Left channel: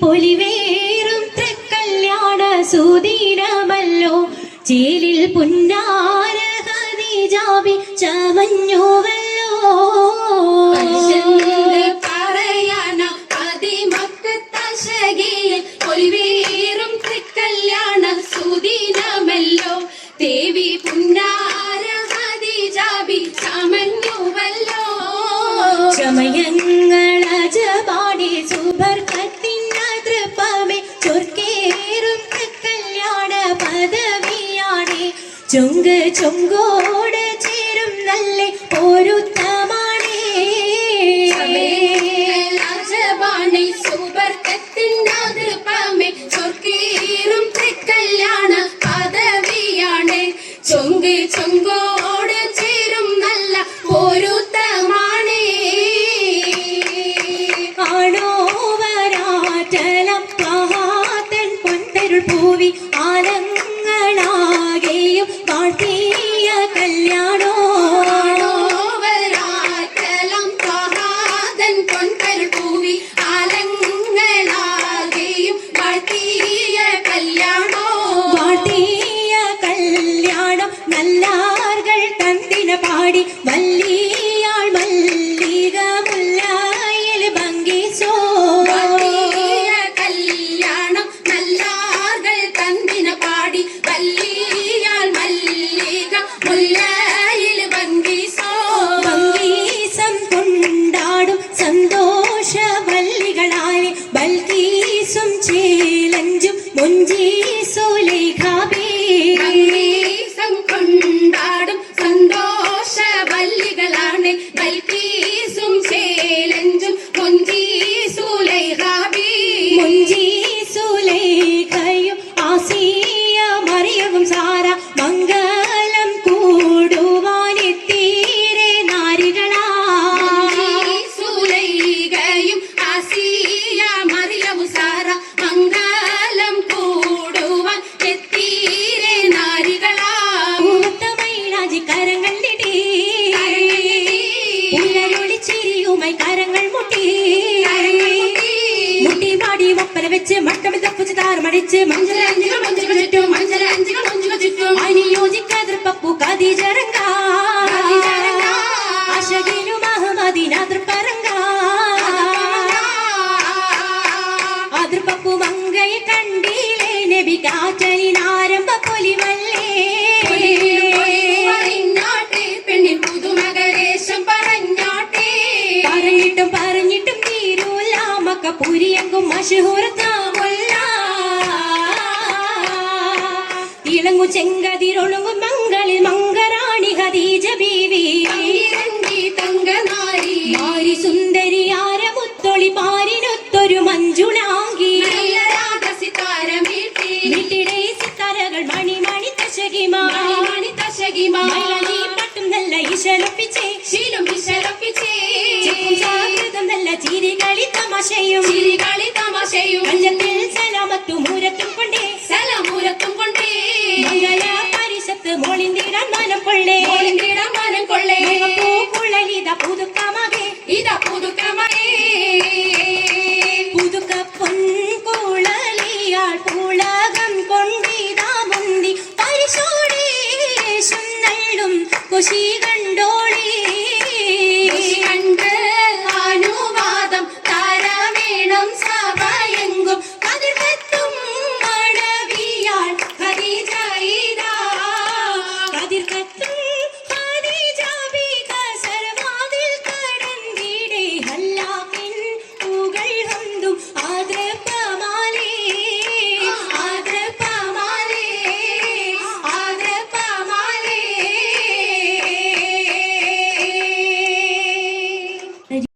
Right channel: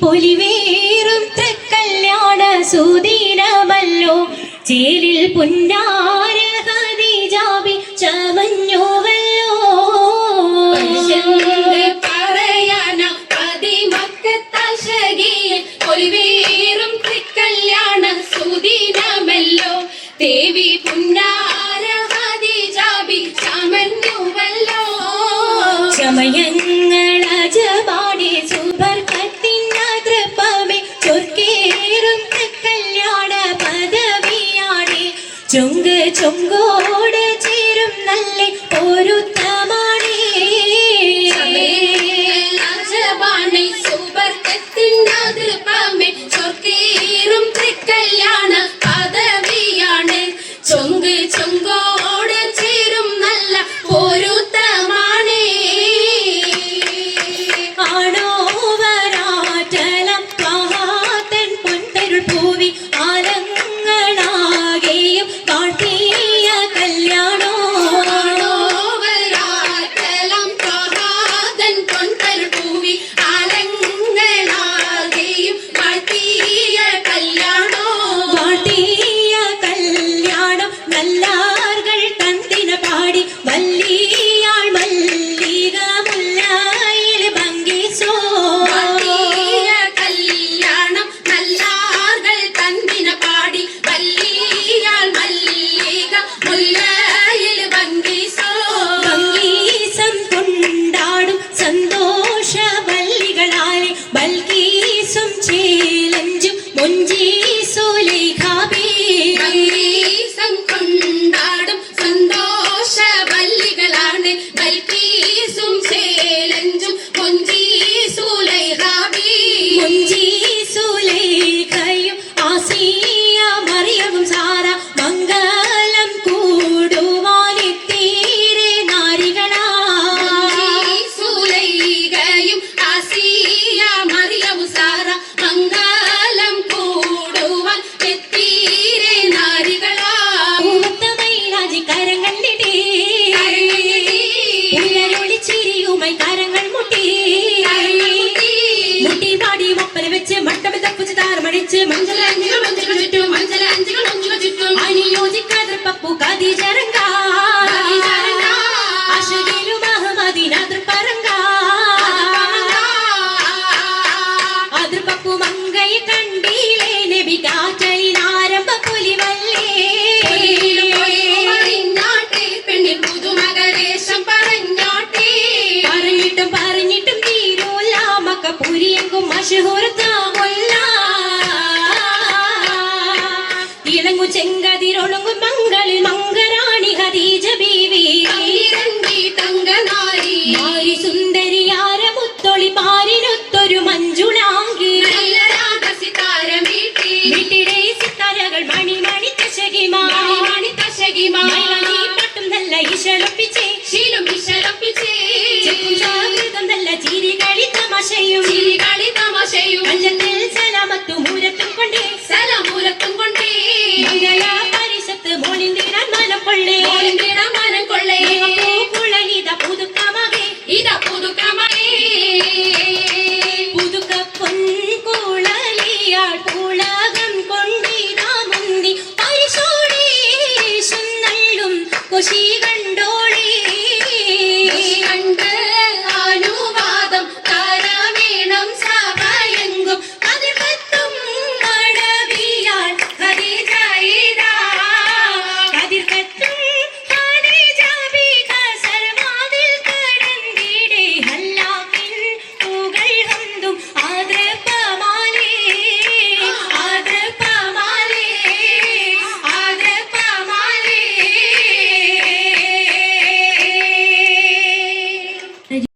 പൊലിവേറും തൃക്കല്യാണ സുദിനമല്ലോ ചേലിൽ പുന്നാര ഖദീജാബി ചമഞ്ഞുവല്ലോ പറയാന അതിമക്കത്തശകിയിൽ പൊലിവേറും തൃക്കല്യാണ സുദിനമല്ലോ ദേവി പുന്നാര ഖദീജാബി ചമഞ്ഞുവല്ലോ ചമയങ്ങളജപാടി സുബർക്കത്തിൻ തൃപ്പമേ ചൊർക്കേറും തൃക്കല്യാണ പദവിയാണേ ചൊങ്ക് ചൊങ്കോട് ചേരും നല്ല പൊരുത്തമാണേ രാജവാണി സുബർക്കത്തിൻ്റെ തൃപ്പമേ ചൊർക്കേറും തൃക്കല്യാണ പദവിയാണ് ചൊങ്ക് ചൊങ്കോട് ചേരും നല്ല പൊരുത്തമാണേ ആണോവരാറ്റലം മഹാതൻ പൊൻതരുൾ പൂവി ആലങ്ങളാകെയും കാട്ടിയ കല്യാണോ വരാറ്റലം പ്രഭാതൻ പൊൻതരുൾ പൂവി ആലങ്ങളാകെയും വാഴ്ത്തിയ കല്യാണോ വാട്ടിയ കല്യാണം നല്ലാർകൾ തന്തിന പാടി വല്ലിയാൾ മല്ലിക മുല്ലായിൽ ഭംഗിച്ചോ വാഴ്ത്തിയ കല്യാണം നല്ലാർകൾ തന്തിന പാടി വല്ലിയാൾ മല്ലിക മുല്ലയിൽ ഭംഗിസോ ഭംഗീസം കൊണ്ടാടും സന്തോഷ വല്ലികളാലെ ബൽക്കീസും ചേലഞ്ചും മുഞ്ചീസുലേഖാബി ഭംഗീസം കൊണ്ടാടും സന്തോഷ വല്ലികളാണ് ബൽക്കീസും ചേലഞ്ചും മുഞ്ചീസുലൈഹാബി മുഞ്ചീസുലേഖയും ആസിയ മറിയവും സാര മംഗലം കൂടുവാനെത്തീരെ നാരികളാ സുലൈഖയും ആസിയ മറിയവും സാര മംഗലം കൂടുവാൻ എത്തീരെ നാരികളാ പൂത്തമൈലാജി കരങ്ങൾ നീട്ടി പുലരൊളിച്ചിരിയുമായി കരങ്ങൾ മുട്ടി മുട്ടി പാടി മപ്പല വെച്ച് മട്ടം തപ്പുച്ച് താരമടിച്ച് മഞ്ചലഞ്ചികൾ മഞ്ചികൾ ചുറ്റും മഞ്ചലഞ്ചികൾ മഞ്ചികൾ ചുറ്റും അനുയോജിക്കാതെ പപ്പു ഖദീജറങ്ക അശകിലു മഹമദീന തൃപ്പരങ്ക അതിർ പപ്പു മങ്കയെ കണ്ടീലേ നബി കാറ്റലിനാരംഭ പൊലിവല്ലേ പെണ്ണിൻ പുതുമകരേശം പറഞ്ഞാട്ടേ പറഞ്ഞിട്ടും പറഞ്ഞിട്ടും തീരൂല മക്ക പുരിയെങ്കും മഷഹൂർത്താമല്ല ഇളങ്ങു ചെങ്കതിരൊളുങ്ങും മംഗളിൽ മംഗറാണി ഖദീജ ബീവി ഇറങ്ങി തങ്കനാരി മാരി സുന്ദരിയാര മുത്തൊളി പാരിനൊത്തൊരു മഞ്ജുളാങ്കി നല്ല രാഗസിതാരമീട്ടി വീട്ടിലെ സിത്താരകൾ മണിമണി തശകിമാ മണി തശകിമാ മൈലാഞ്ചി പട്ടും നല്ല ഇശലൊപ്പിച്ചേ ശീലം വിശലപ്പിച്ചേ ചെപ്പും ജാഗ്രതം നല്ല ചിരികളി തമാശയും ചിരികളി തമാശയും മഞ്ചത്തിൽ സലാമത്തും മൂരത്തും കൊണ്ടേ സലമൂലത്തും കൊണ്ടേ മംഗള പരിശത്ത് മോളിൽ നീരാൻ മനം കൊള്ളേ മനം കൊള്ളേ പൂക്കുഴലിത പുതുക്കമകെ ഇതാ